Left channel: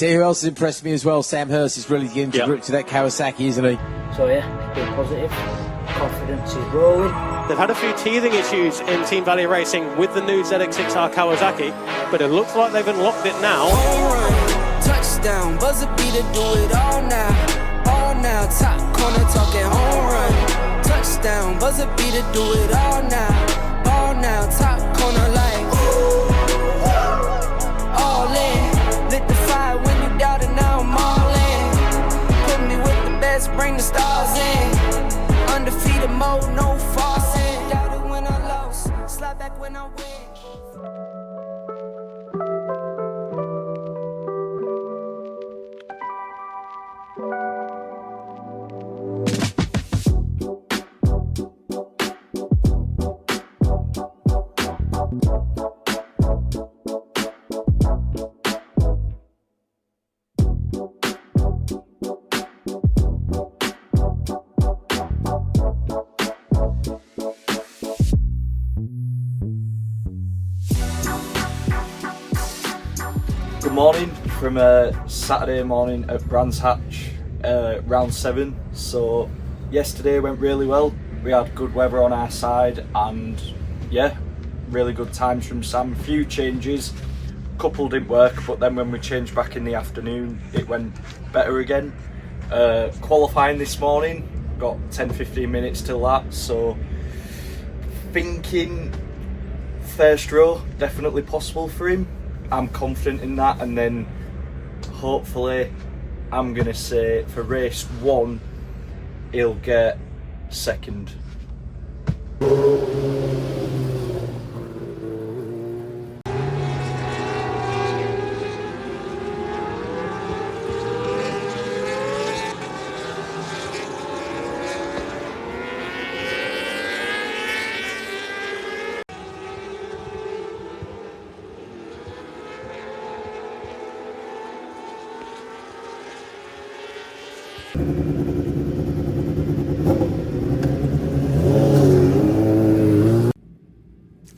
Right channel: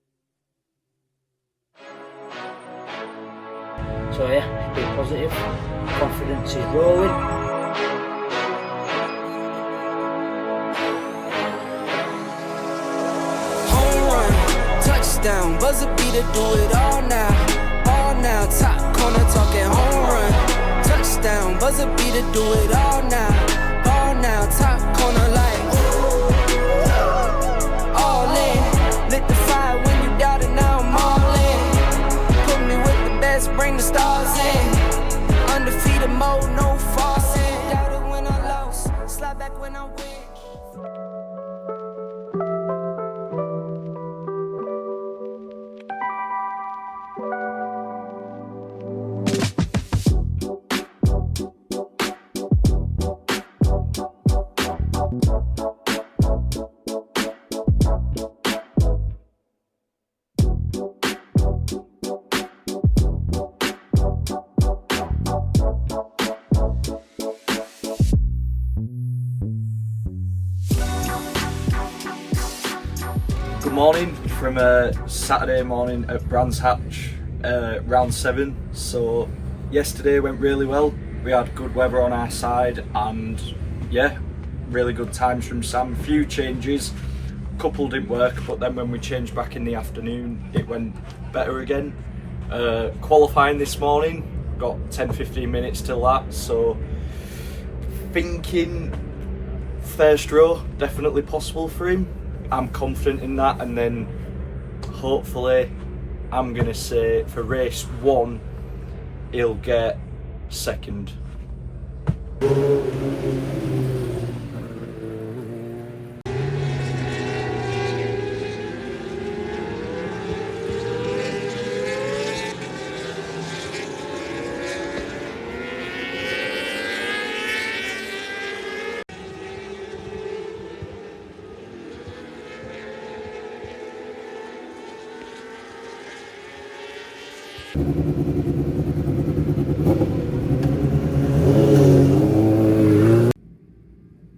Tell you who else has impressed me as well? Sam Hirst is really getting to grip to that Kawasaki, isn't he? So yeah, be positive. Confidence is rolling. They've had a few teething issues in Team Valley Racing with the new ZX6R Kawasaki, but it looks like they've unlocked it now. Home run, touchdown, buzzer beater, do it all now. All now, top corner talking home run. Touchdown, buzzer beater, do it all now. All now, top corner like all in. Lit the fire when you doubt it, now I'm all in. Put me with the best, bring the stars in. Undefeated mode, no falsing. Doubt it when I lost, slide back when I win. Good morning from Saturday morning at Brands Hatch, round 7. So yesterday went really well. We had good weather on our side and yeah, really good times from Sam. Few changes, couple didn't work, but then when we changed back in the afternoon it went better again. Qualifying this morning, got 10-15 minutes till that, so thinking first row definitely possible for him. I'm confident in that, and then hopefully I'm gonna say for race 1 he'll get second.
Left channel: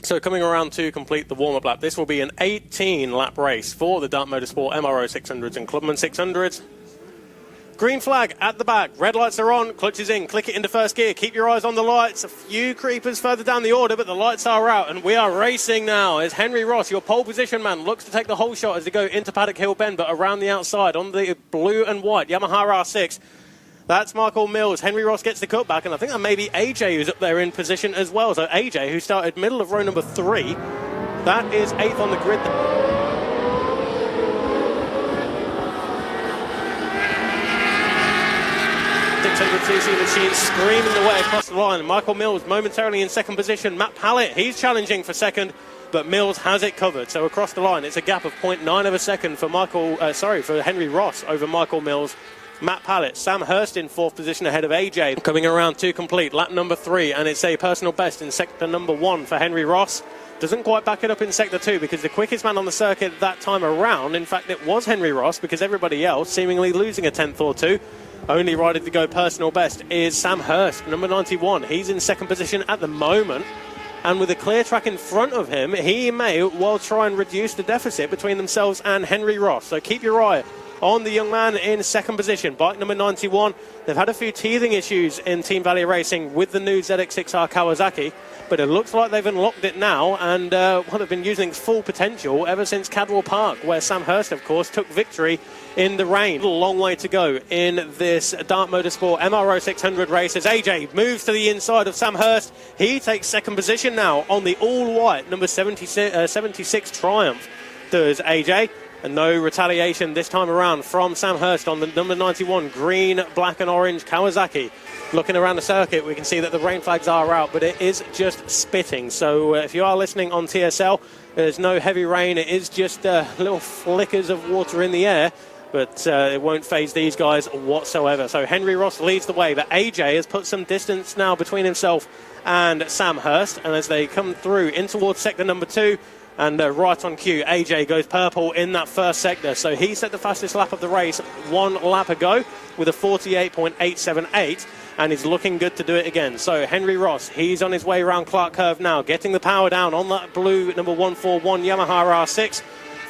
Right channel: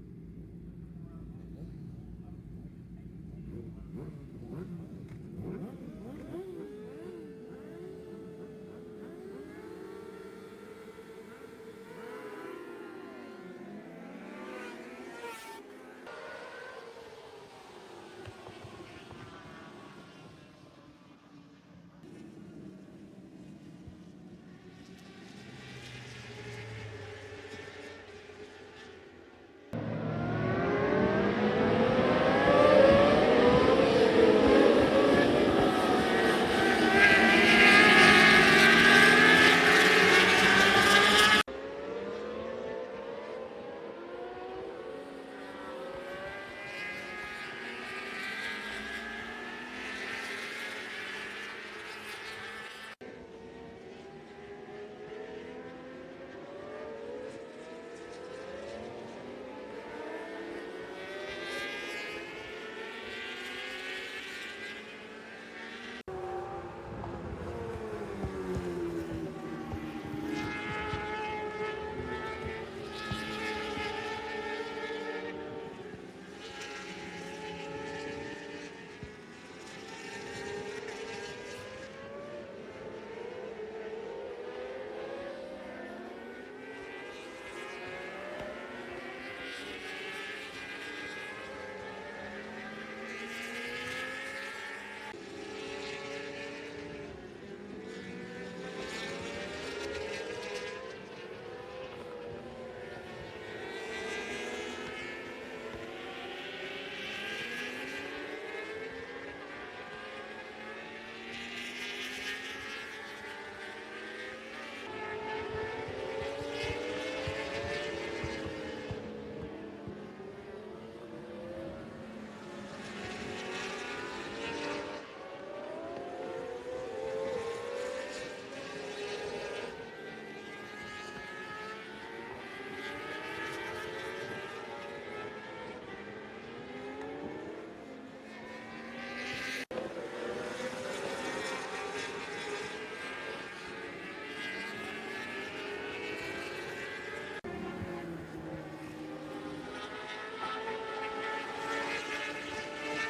So coming around to complete the warm-up lap, this will be an 18-lap race for the Dart Motorsport MRO 600s and Clubman 600s. Green flag at the back, red lights are on, clutch is in, click it into first gear, keep your eyes on the lights. A few creepers further down the order, but the lights are out, and we are racing now as Henry Ross, your pole position man, looks to take the whole shot as they go into Paddock Hill Bend, but around the outside on the blue and white Yamaha R6. That's Michael Mills. Henry Ross gets the cutback, and I think that may be AJ who's up there in position as well. So AJ, who started middle of row number 3, that is 8th on the grid. She's screaming away across the line. Michael Mills momentarily in second position. Matt Pallett, he's challenging for second, but Mills has it covered. So across the line, it's a gap of 0.9 of a second for for Henry Ross over Michael Mills. Matt Pallett, Sam Hirst in 4th position ahead of AJ. Coming around to complete lap number 3, and it's a personal best in sector number 1 for Henry Ross. Doesn't quite back it up in sector 2 because the quickest man on the circuit that time around, in fact it was Henry Ross, because everybody else seemingly losing a 10th or 2. Only rider to go personal best is Sam Hirst, number 91. He's in second position at the moment, and with a clear track in front of him, he may well try and reduce the deficit between themselves and Henry Ross. So keep your eye on the young man in second position, bike number 91. They've had a few teething issues in Team Valley Racing with the new ZX6R Kawasaki, but it looks like they've unlocked it now, and they've been using its full potential ever since Cadwell Park, where Sam Hirst, of course, took victory in the rain. A long way to go in this Dart Motorsport MRO 600 race as AJ moves to the inside of Sam Hirst. He takes second position now on the all-white number 76 Triumph. Does AJ. And no retaliation this time around from Sam Hirst on the number 91 green, black and orange Kawasaki. Looking around the circuit, we can see that the rain flags are out, but it is just spitting. So if you are listening on TSL, there's no heavy rain. It is just little flickers of water in the air, but it won't faze these guys whatsoever. So Henry Ross leads the way, but AJ has put some distance now between himself and Sam Hirst. And as they come through in towards sector number 2, and right on cue, AJ goes purple in that first sector. So he set the fastest lap of the race 1 lap ago with a 48.878, and is looking good to do it again. So Henry Ross, he's on his way around Clark Curve now, getting the power down on that blue number 141 Yamaha R6.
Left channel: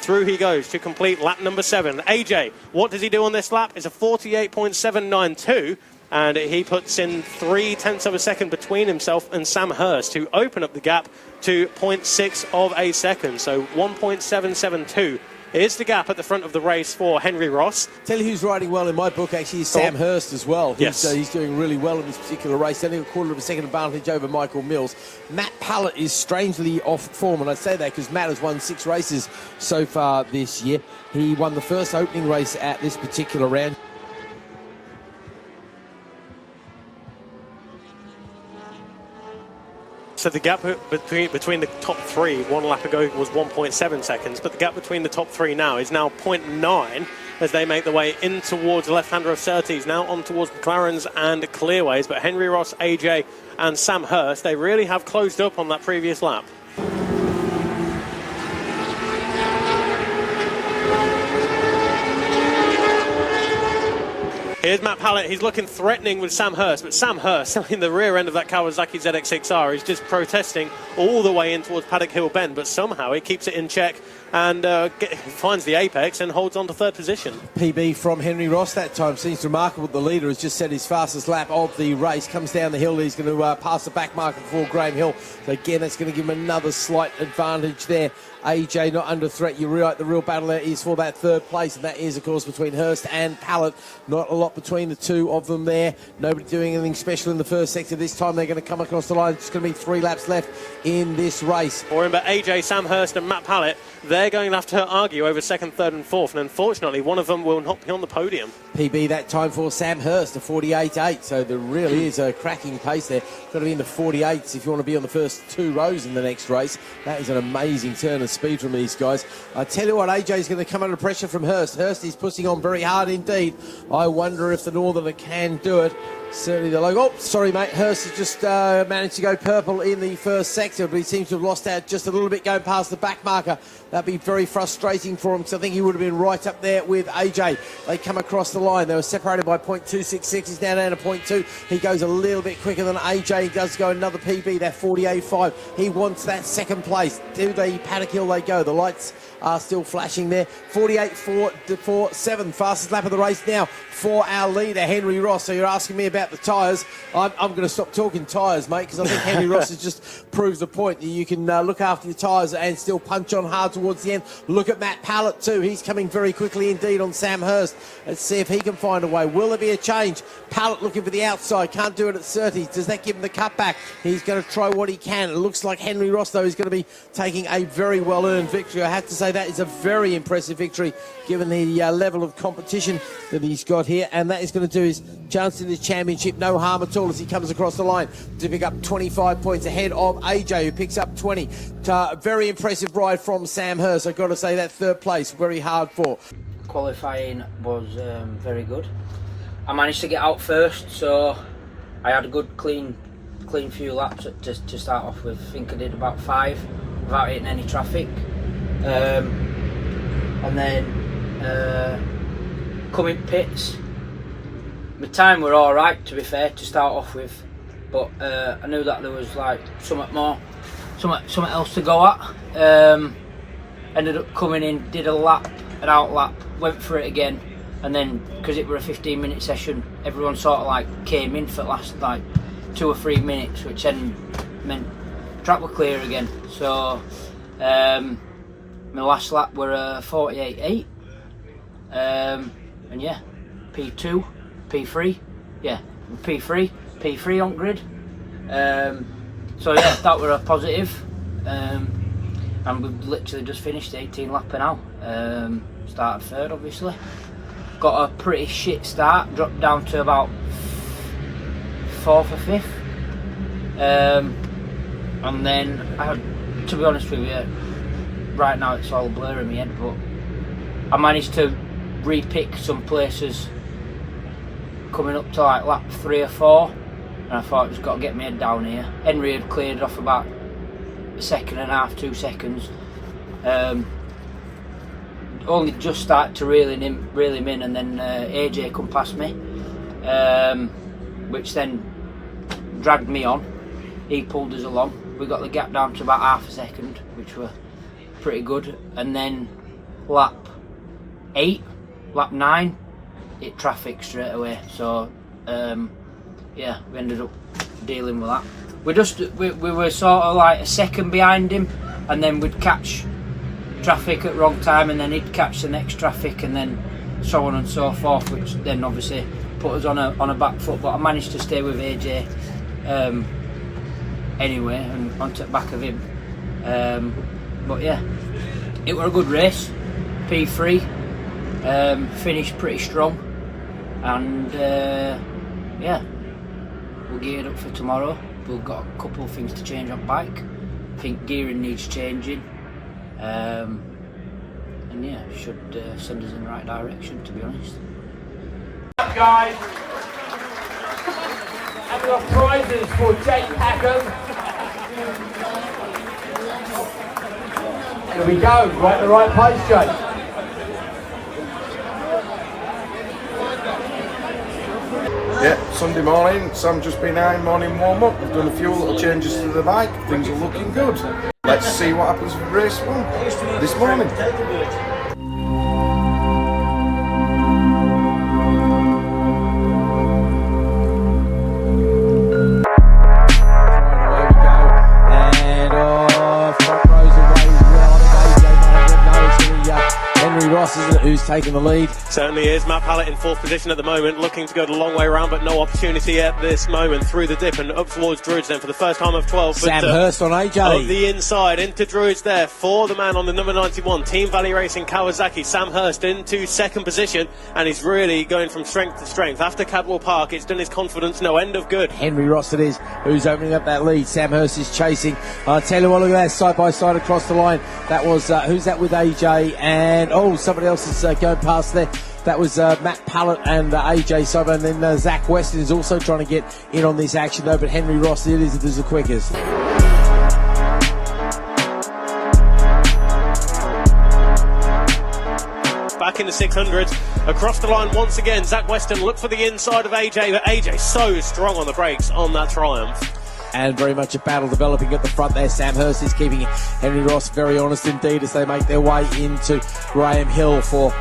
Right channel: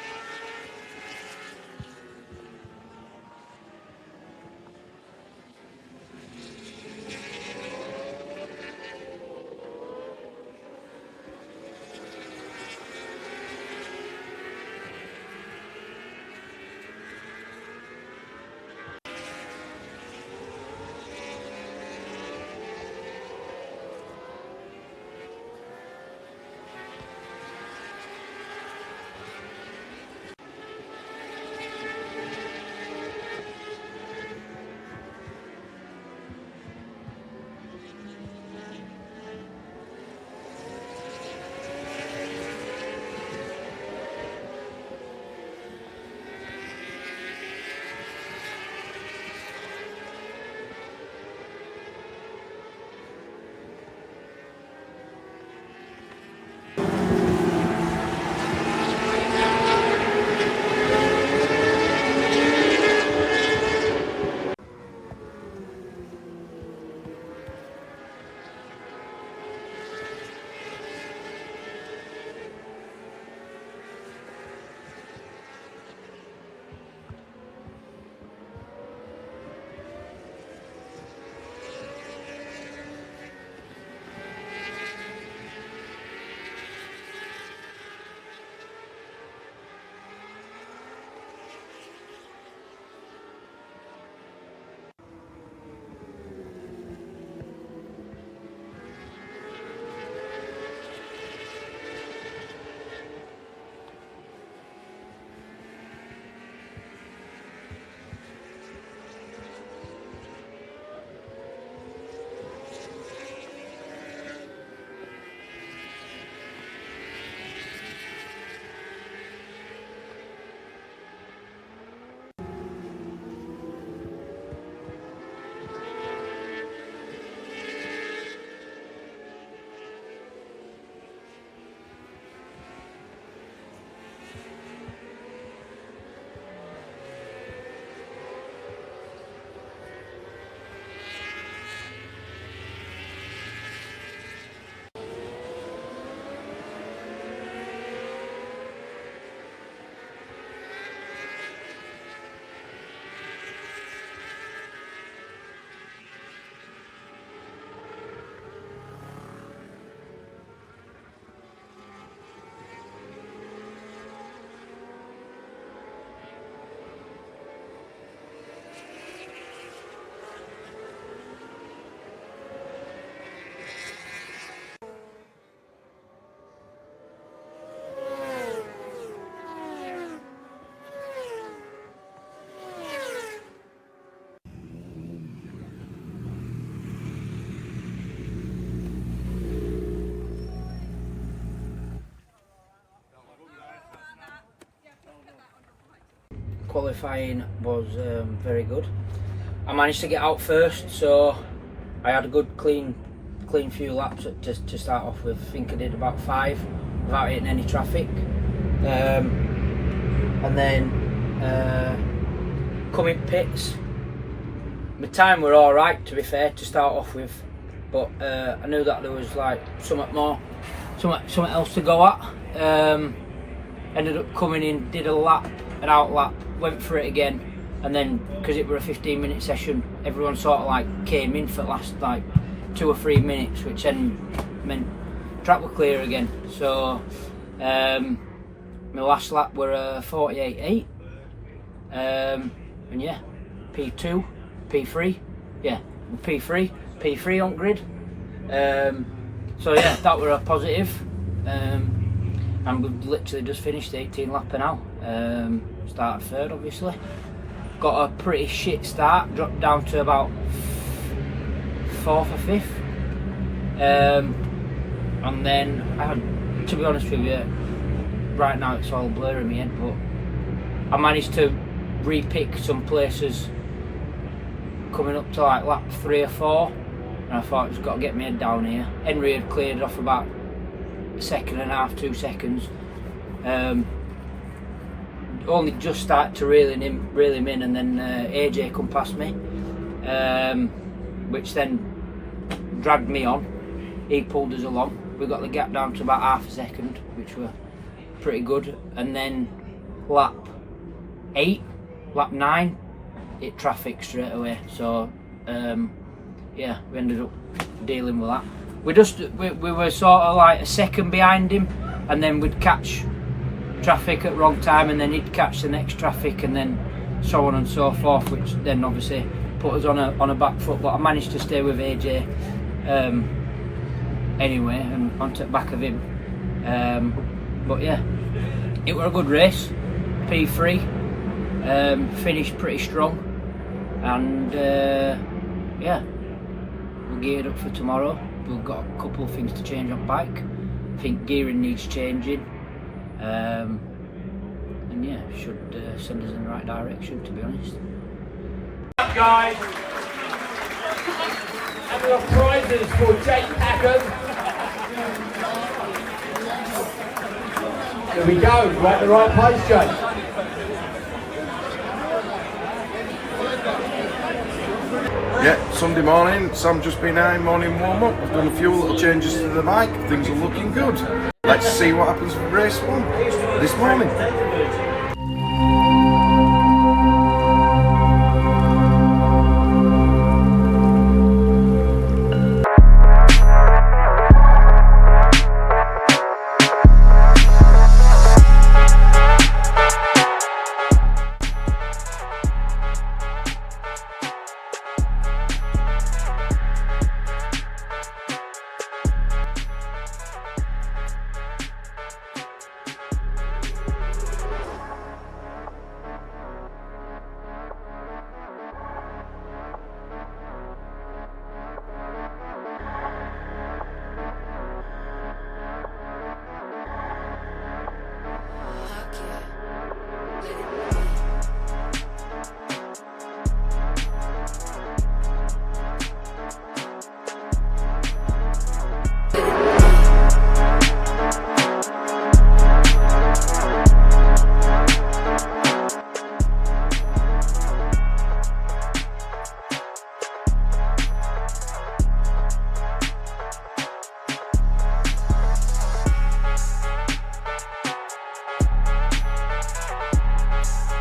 through he goes to complete lap number 7. AJ, what does he do on this lap? It's a 48.792. And he puts in 0.3 of a second between himself and Sam Hirst to open up the gap to 0.6 of a second. So 1.772 is the gap at the front of the race for Henry Ross. Tell you who's riding well in my book actually is Sam Hirst as well. Yes. He's doing really well in this particular race. Only a 1/4 of a second advantage over Michael Mills. Matt Pallett is strangely off form, and I say that because Matt has won 6 races so far this year. He won the first opening race at this particular round. So the gap between the top 3 1 lap ago was 1.7 seconds, but the gap between the top 3 now is now 0.9 as they make their way in towards the left-hander of Surtees, now on towards McLarens and Clearways. But Henry Ross, AJ and Sam Hirst, they really have closed up on that previous lap. Here's Matt Pallett, he's looking threatening with Sam Hirst, but Sam Hirst in the rear end of that Kawasaki ZX6R is just protesting all the way in towards Paddock Hill Bend, but somehow he keeps it in check and finds the apex and holds on to 3rd position. PB from Henry Ross that time seems remarkable. The leader has just set his fastest lap of the race, comes down the hill, he's going to pass the back marker for Graham Hill. So again, that's going to give him another slight advantage there. AJ not under threat. You're right, the real battle there is for that 3rd place, and that is, of course, between Hirst and Pallett. Not a lot between the two of them there. Nobody doing anything special in the first sector. This time they're going to come across the line. It's going to be 3 laps left in this race. Remember, AJ, Sam Hirst and Matt Pallett, they're going to have to argue over 2nd, 3rd and 4th, and unfortunately one of them will not be on the podium. PB that time for Sam Hirst, a 48.8, so there really is a cracking pace there. Got to be in the 48s if you want to be on the first 2 rows in the next race. That is an amazing turn of speed from these guys. I tell you what, AJ's going to come under pressure from Hirst. Hirst is pushing on very hard indeed. I wonder if the Northerner can do it. Certainly the logo. Oh, sorry, mate. Hirst has just managed to go purple in the first sector, but he seems to have lost out just a little bit going past the back marker. That'd be very frustrating for him, because I think he would have been right up there with AJ. They come across the line. They were separated by 0.266. He's now down to 0.2. He goes a little bit quicker than AJ. He does go another PB, that 48.5. He wants that 2nd place. To the Paddock Hill they go. The lights are still flashing there. 48.447, fastest lap of the race now for our leader, Henry Ross. So you're asking me about the tyres. I'm going to stop talking tyres, mate, because I think Henry Ross has just proved the point that you can look after your tyres and still punch on hard towards the end. Look at Matt Pallett too. He's coming very quickly indeed on Sam Hirst. Let's see if he can find a way. Will there be a change? Pallett looking for the outside. Can't do it at Surtees. Does that give him the cutback? He's going to try what he can. It looks like Henry Ross, though, is going to be taking a very well-earned victory. I have to say that is a very impressive victory given the level of competition that he's got here, and that is going to do his chance in the championship no harm at all as he comes across the line to pick up 25 points ahead of AJ, who picks up 20. Very impressive ride from Sam Hirst. I've got to say that 3rd place very hard for. Qualifying was very good. I managed to get out first, so I had a good clean few laps to start off with. I think I did about 5 without hitting any traffic. And then coming pits, my time were all right, to be fair, to start off with, but I knew that there was like something else to go at. Ended up coming in, did a lap, an out lap, went for it again, and then because it were a 15-minute session, everyone sort of like came in for the last like 2 or 3 minutes, which then meant track were clear again. So my last lap were 48.8, and yeah, P2, P3, yeah, P3 on grid. So yeah, that were a positive, and we've literally just finished the 18 lapper now. Started 3rd, obviously. Got a pretty shit start, dropped down to about 4th or 5th, and then I had, to be honest with you, right now it's all a blur in my head, but I managed to re-pick some places coming up to like lap 3 or 4, and I thought I've just got to get my head down here. Henry had cleared off about 1.5 seconds, 2 seconds. Only just started to reel him in, and then AJ come past me, which then dragged me on. He pulled us along. We got the gap down to about 0.5 second, which were pretty good, and then lap 9, hit traffic straight away. So yeah, we ended up dealing with that. We were sort of like a second behind him, and then we'd catch traffic at wrong time, and then he'd catch the next traffic, and then so on and so forth, which then obviously put us on a back foot. But I managed to stay with AJ anyway, and onto the back of him. But yeah, it was a good race. P3, finished pretty strong, and yeah, we're geared up for tomorrow. We've got a couple of things to change on bike. I think gearing needs changing, and yeah, should send us in the right direction, to be honest. Up, guys, and we've got prizes for Jake Packham. There we go, right in the right place, Jake. Yeah, Sunday morning, Sam just been out in morning warm-up. We've done a few little changes to the bike. Things are looking good. Let's see what happens with race 1 this morning. Taking the lead. Certainly is. Matt Pallett in 4th position at the moment, looking to go the long way around, but no opportunity at this moment. Through the dip and up towards Druids then for the first time of 12. Sam Hirst on AJ. On the inside into Druids there for the man on the number 91, Team Valley Racing Kawasaki. Sam Hirst into 2nd position, and he's really going from strength to strength. After Cadwell Park, it's done his confidence no end of good. Henry Ross it is who's opening up that lead. Sam Hirst is chasing. I'll tell you what, look at that side by side across the line. That was, who's that with AJ? And, oh, somebody else is going past there. That was Matt Pallett and AJ Sober, and then Zach Weston is also trying to get in on this action though, but Henry Ross it is the quickest. Back in the 600s, across the line once again, Zach Weston looked for the inside of AJ, but AJ so strong on the brakes on that Triumph. And very much a battle developing at the front there. Sam Hirst is keeping Henry Ross very honest indeed as they make their way into Graham Hill for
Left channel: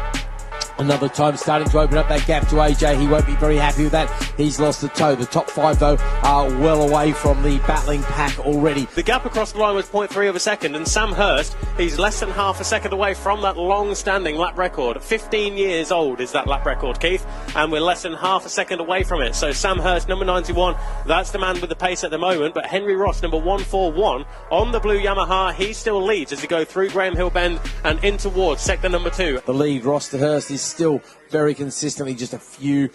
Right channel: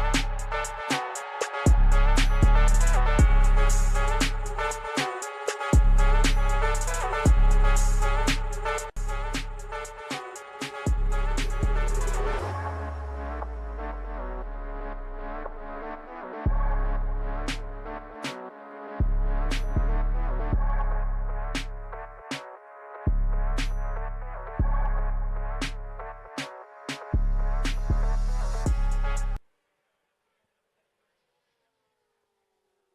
another time, starting to open up that gap to AJ. He won't be very happy with that. He's lost the toe. The top 5 though are well away from the battling pack already. The gap across the line was 0.3 of a second, and Sam Hirst, he's less than half a second away from that long-standing lap record. 15 years old is that lap record, Keith, and we're less than half a second away from it. So Sam Hirst, number 91, that's the man with the pace at the moment, but Henry Ross, number 141, on the blue Yamaha, he still leads as he goes through Graham Hill Bend and in towards sector number 2. The lead, Ross to Hirst, is still very consistently just a few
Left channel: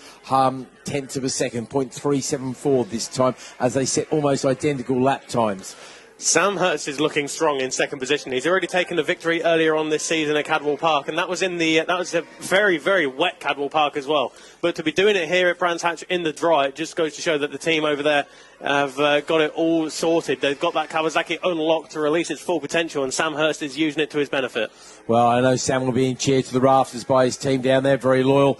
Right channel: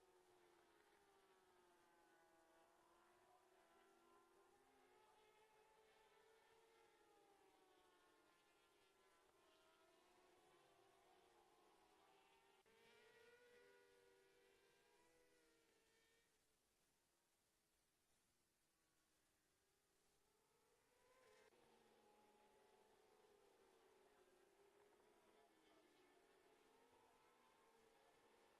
tenths of a second, 0.374 this time, as they set almost identical lap times. Sam Hirst is looking strong in 2nd position. He's already taken a victory earlier on this season at Cadwell Park, and that was in the that was a very, very wet Cadwell Park as well. But to be doing it here at Brands Hatch in the dry, it just goes to show that the team over there have got it all sorted. They've got that Kawasaki unlocked to release its full potential, and Sam Hirst is using it to his benefit. Well, I know Sam will be in cheer to the rafters by his team down there. Very loyal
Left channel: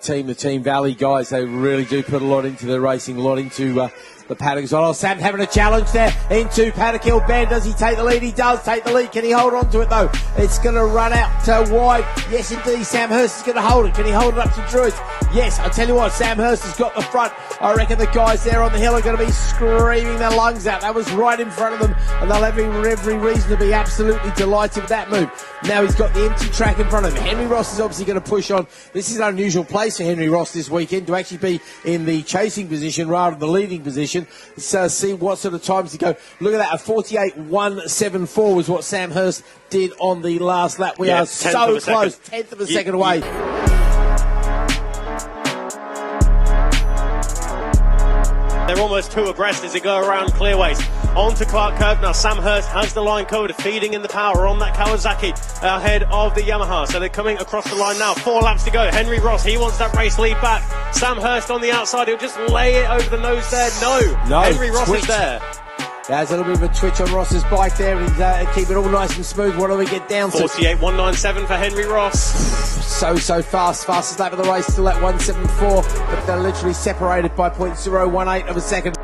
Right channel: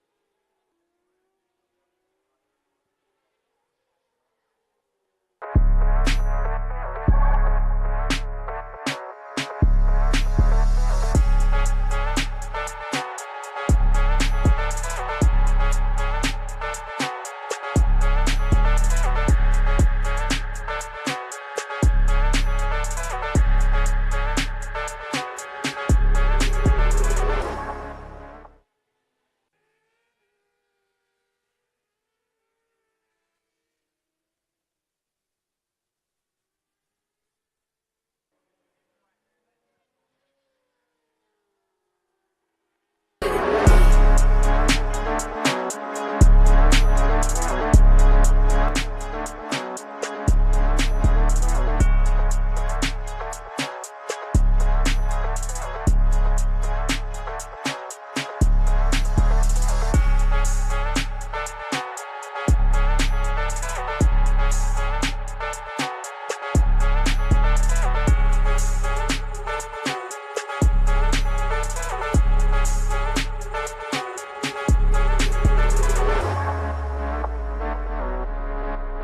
team, the Team Valley guys. They really do put a lot into their racing, a lot into the paddock as well. Oh, Sam having a challenge there into Paddock Hill Bend. Does he take the lead? He does take the lead. Can he hold on to it though? It's going to run out wide. Yes, indeed. Sam Hirst is going to hold it. Can he hold it up to Druids? Yes, I tell you what, Sam Hirst has got the front. I reckon the guys there on the hill are going to be screaming their lungs out. That was right in front of them, and they'll have every reason to be absolutely delighted with that move. Now he's got the empty track in front of him. Henry Ross is obviously going to push on. This is an unusual place for Henry Ross this weekend to actually be in the chasing position rather than the leading position. So see what sort of times to go. Look at that, a 48.174 was what Sam Hirst did on the last lap. We are so close, 10th of a second away. They're almost too abreast as they go around clearways. On to Clark Curve now. Sam Hirst has the line covered, feeding in the power on that Kawasaki ahead of the Yamaha. So they're coming across the line now. 4 laps to go. Henry Ross, he wants that race lead back. Sam Hirst on the outside, he'll just lay it over the nose there. No, Henry Ross is there. There's a little bit of a twitch on Ross's bike there. He's keep it all nice and smooth. What do we get down to? 48.197 for Henry Ross. So fast. Fastest lap of the race, still at 174. But they're literally separated by 0.018 of a second.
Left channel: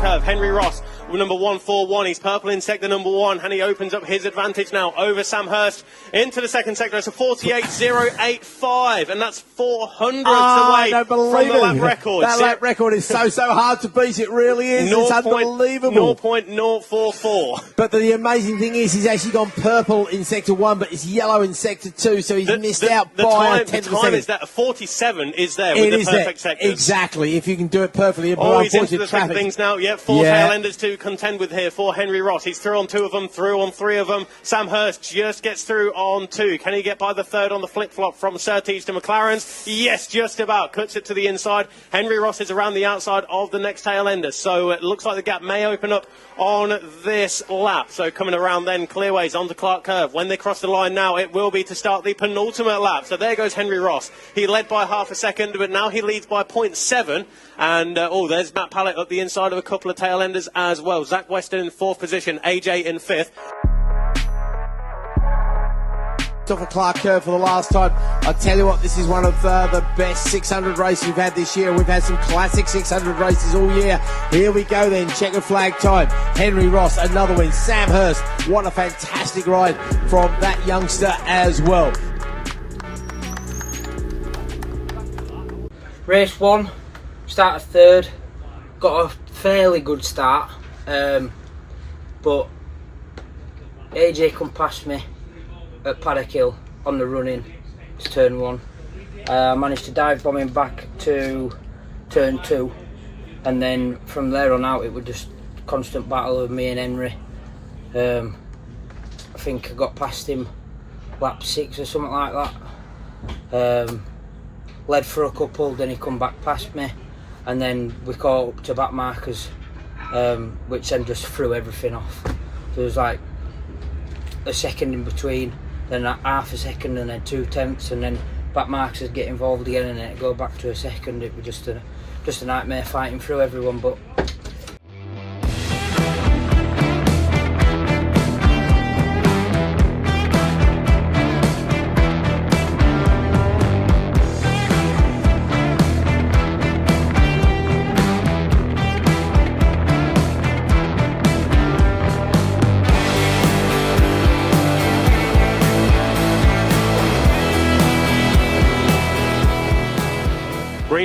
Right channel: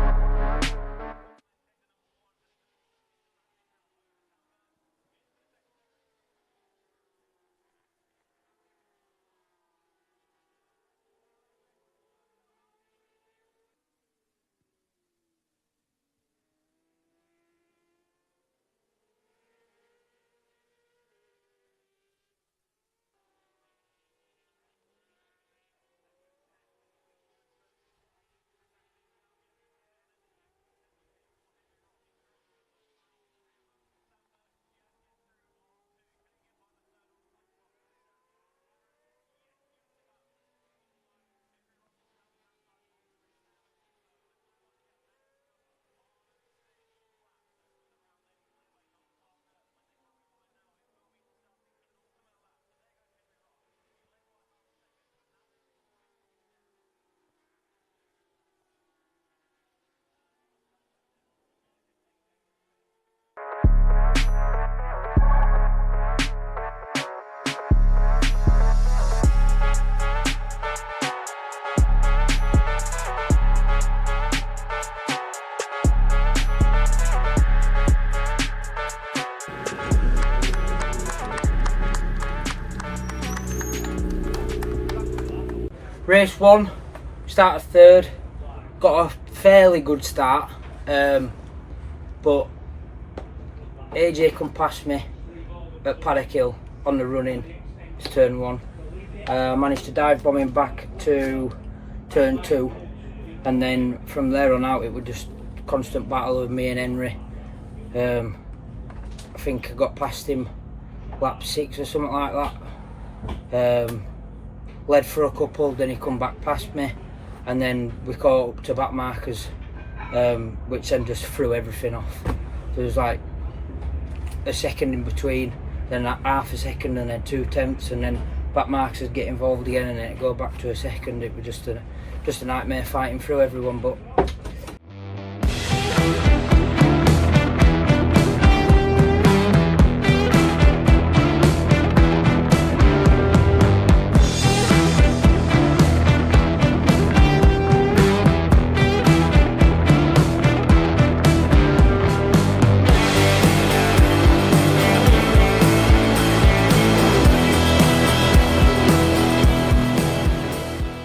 Curve, Henry Ross number 141. He's purple in sector number 1, and he opens up his advantage now over Sam Hirst into the second sector. It's a 48.085, and that's 400ths away from the lap record. That lap record is so hard to beat. It really is. It's unbelievable. 0.044. But the amazing thing is he's actually gone purple in sector 1, but it's yellow in sector 2, so he's missed out by a tenth of a second. Is that 47 is there with the perfect sectors. Exactly, if you can do it perfectly. Oh, he's into the second things now. Yep, 4 tail enders to contend with here for Henry Ross. He's through on 2 of them, through on 3 of them. Sam Hirst just gets through on 2. Can he get by the third on the flip-flop from Surtees to McLaren's? Yes, just about. Cuts it to the inside. Henry Ross is around the outside of the next tail ender, so it looks like the gap may open up on this lap. So coming around then, Clearways onto Clark Curve. When they cross the line now, it will be to start the penultimate lap. So there goes Henry Ross. He led by half a second, but now he leads by 0.7. And, there's Matt Pallett up the inside of a couple of tail enders as well. Zach Weston in 4th position, AJ in 5th. Off a Clark Curve for the last time. I tell you what, this is one of the best 600 races we've had this year. We've had some classic 600 races all year. Here we go then, checker flag time. Henry Ross, another win. Sam Hirst, what a fantastic ride from that youngster as well. Race 1, started 3rd, got a fairly good start, but AJ come past me at Paddock Hill on the run-in to turn 1. I managed to dive bomb him back to turn 2, and then from there on out it was just constant battle with me and Henry. I think I got past him lap 6 or something like that. Led for a couple, then he come back past me, and then we caught up to back markers, which then just threw everything off. There was like a second in between, then half a second, and then 2 tenths, and then back markers would get involved again, and then it'd go back to a second. It was just a nightmare fighting through everyone. But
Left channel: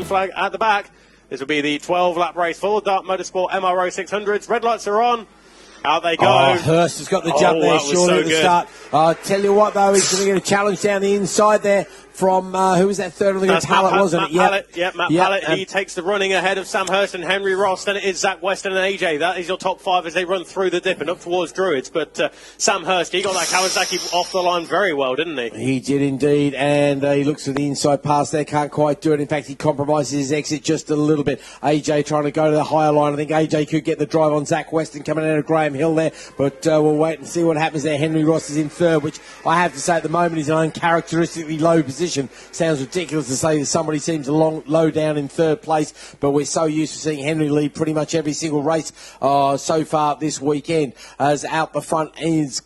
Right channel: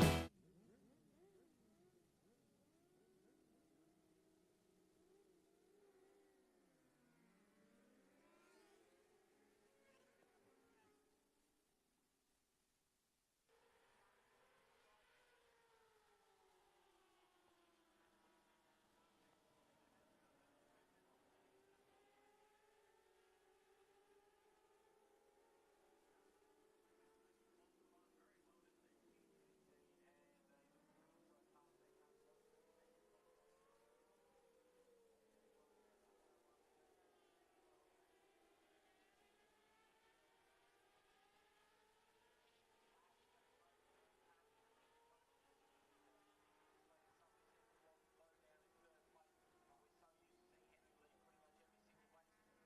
flag at the back. This will be the 12-lap race for Dart Motorsport MRO 600s. Red lights are on. Out they go. Oh, Hirst has got the jump there, surely at the start. I'll tell you what, though, he's going to get a challenge down the inside there from, who was that third? I think it was Pallett, wasn't it? Matt Pallett. He takes the running ahead of Sam Hirst and Henry Ross. Then it is Zach Weston and AJ. That is your top 5 as they run through the dip and up towards Druids. But Sam Hirst, he got that Kawasaki off the line very well, didn't he? He did indeed, and he looks for the inside pass there, can't quite do it. In fact, he compromises his exit just a little bit. AJ trying to go to the higher line. I think AJ could get the drive on Zach Weston coming out of Graham Hill there, but we'll wait and see what happens there. Henry Ross is in 3rd, which I have to say at the moment is an uncharacteristically low position. Sounds ridiculous to say that somebody seems low down in 3rd place, but we're so used to seeing Henry lead pretty much every single race so far this weekend. As out the front is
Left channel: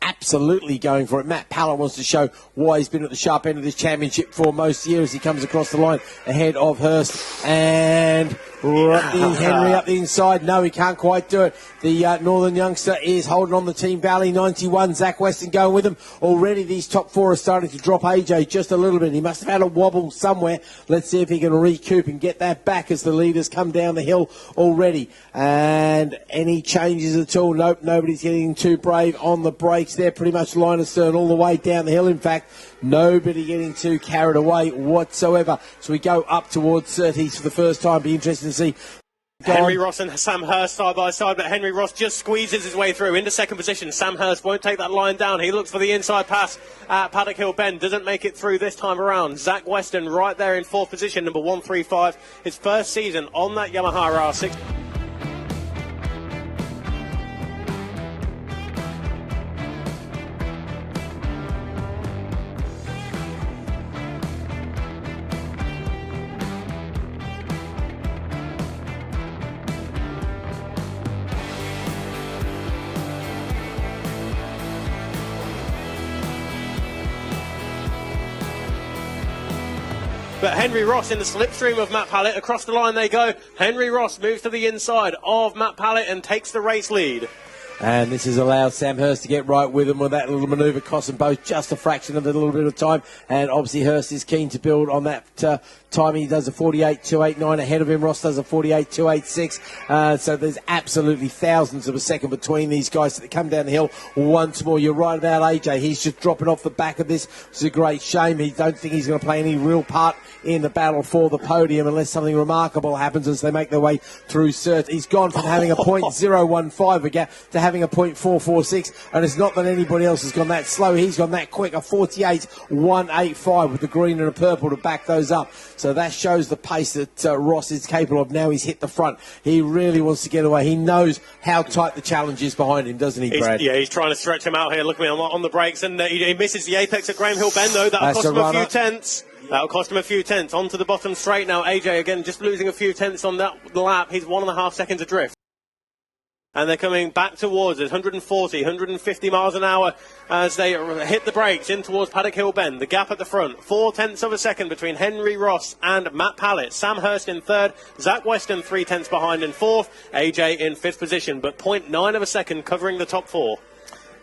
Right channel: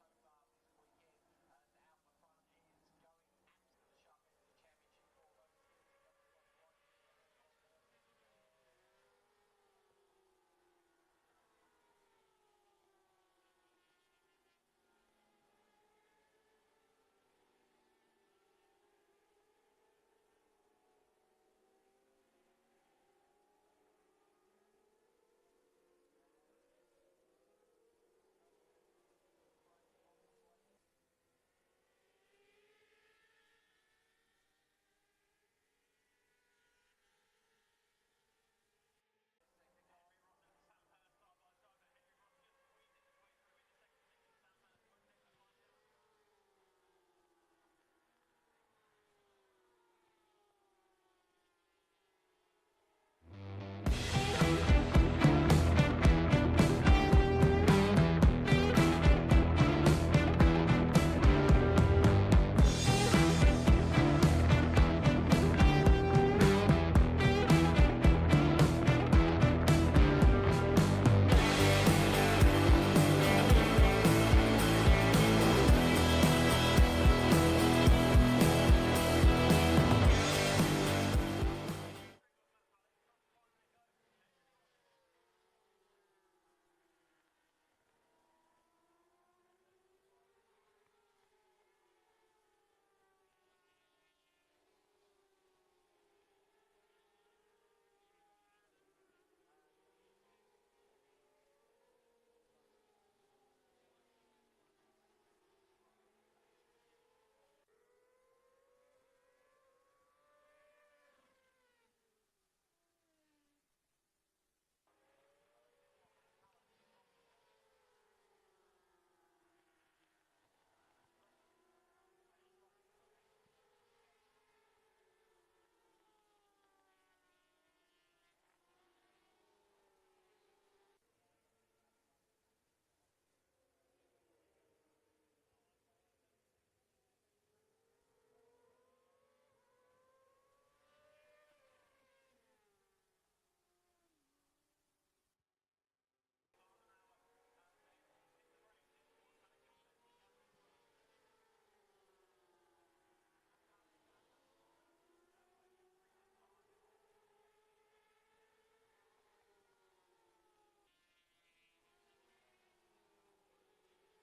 absolutely going for it. Matt Pallett wants to show why he's been at the sharp end of this championship for most years. He comes across the line ahead of Hirst, and Henry up the inside. No, he can't quite do it. The Northern youngster is holding on the Team Valley 91. Zach Weston going with him. Already these top 4 are starting to drop AJ just a little bit. He must have had a wobble somewhere. Let's see if he can recoup and get that back as the leaders come down the hill already. And any changes at all? Nope, nobody's getting too brave on the brakes. They're pretty much line astern all the way down the hill. In fact, nobody getting too carried away whatsoever. So we go up towards Surtees for the first time. Be interesting to see. Henry Ross and Sam Hirst side by side, but Henry Ross just squeezes his way through into 2nd position. Sam Hirst won't take that line down. He looks for the inside pass at Paddock Hill Bend. Doesn't make it through this time around. Zach Weston right there in 4th position, number 135. His first season on that Yamaha R6. but Henry Ross in the slipstream of Matt Pallett. Across the line they go. Henry Ross moves to the inside of Matt Pallett and takes the race lead. And this has allowed Sam Hirst to get right with him with that little manoeuvre, cost them both just a fraction of a little bit of time. And obviously Hirst is keen to build on that time. He does a 48.289 ahead of him. Ross does a 48.286. So there's absolutely thousands of a second between these guys that come down the hill once more. You're right about AJ. He's just dropping off the back of this. It's a great shame. He don't think he's going to play any real part in the battle for the podium unless something remarkable happens as they make their way through Cert. He's gone from having a .015 a gap to having a .446, and it's not that anybody else has gone that slow. He's gone that quick, a 48.185 with the green and the purple to back those up. So that shows the pace that Ross is capable of. Now he's hit the front. He really wants to get away. He knows how tight the challenge is behind him, doesn't he, Brad? He's trying to stretch him out here. Look at me on the brakes, and he misses the apex at Graham Hill Bend, though. That'll cost him a few tenths. That'll cost him a few tenths. Onto the bottom straight now. AJ again just losing a few tenths on that lap. He's 1.5 seconds adrift. And they're coming back towards us, 140, 150 miles an hour as they hit the brakes in towards Paddock Hill Bend. The gap at the front, 0.4 of a second between Henry Ross and Matt Pallett. Sam Hirst in third, Zach Weston 0.3 behind in fourth, AJ in fifth position, but 0.9 of a second covering the top four.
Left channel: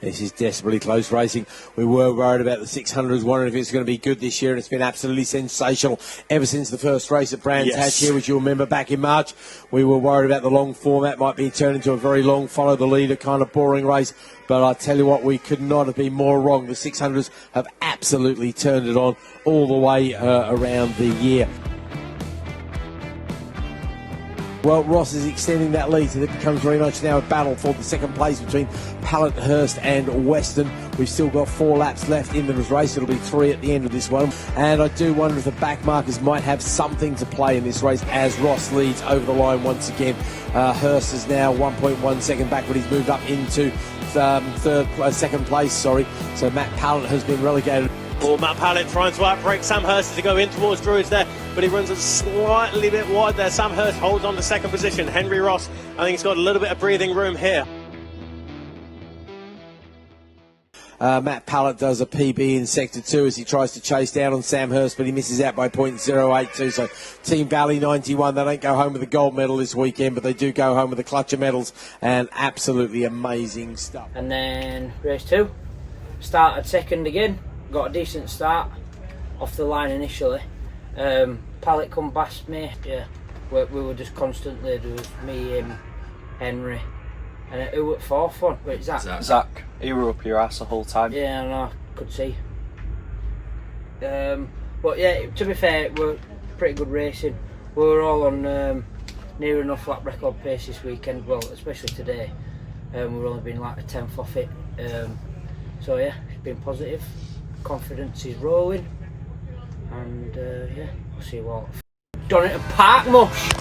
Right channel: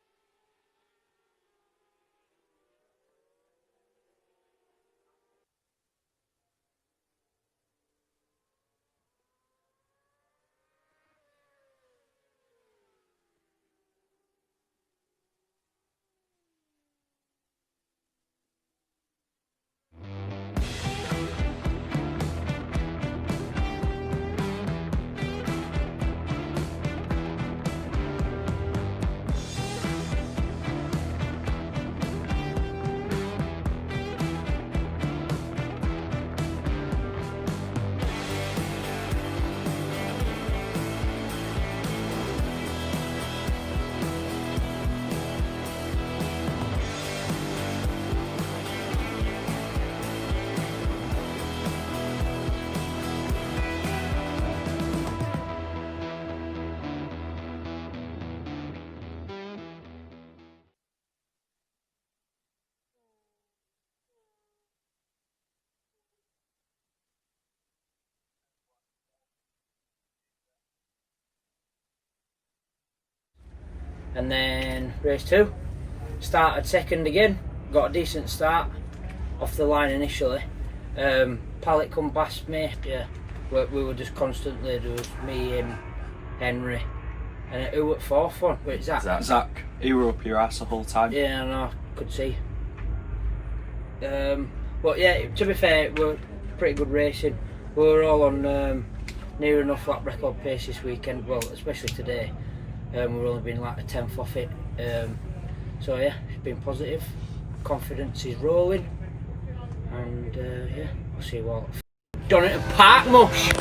This is desperately close racing. We were worried about the 600s, wondering if it's going to be good this year, and it's been absolutely sensational ever since the first race at Brands Hatch here, which you'll remember back in March. We were worried about the long format might be turned into a very long, follow the leader kind of boring race. But I tell you what, we could not have been more wrong. The 600s have absolutely turned it on all the way around the year. Well, Ross is extending that lead, so it becomes very much now a battle for the second place between Pallett, Hirst and Weston. We've still got 4 laps left into this race. It'll be 3 at the end of this one. And I do wonder if the back markers might have something to play in this race as Ross leads over the line once again. Hirst is now 1.1 second back, but he's moved up into second place, sorry. So Matt Pallett has been relegated. Well, Matt Pallett trying to outbrake Sam Hirst as he go in towards Druids there, but he runs a slightly bit wide there. Sam Hirst holds on to second position. Henry Ross, I think he's got a little bit of breathing room here. Matt Pallett does a PB in Sector 2 as he tries to chase down on Sam Hirst, but he misses out by .082. So Team Valley 91, they don't go home with a gold medal this weekend, but they do go home with a clutch of medals, and absolutely amazing stuff. And then race 2, started second again. Got a decent start off the line initially. Pallett come past me. Yeah, we were just constantly, there was me, him, Henry, and who at fourth one? Wait, Zach. Zach, you were up your ass the whole time. Yeah, I know, could see. But yeah, to be fair, it were pretty good racing. We were all on near enough lap record pace this weekend. Well, especially today. We've only been like a 10th off it. So yeah, it's been positive. Confidence is rolling, and yeah, we'll see what done it at Park Mush.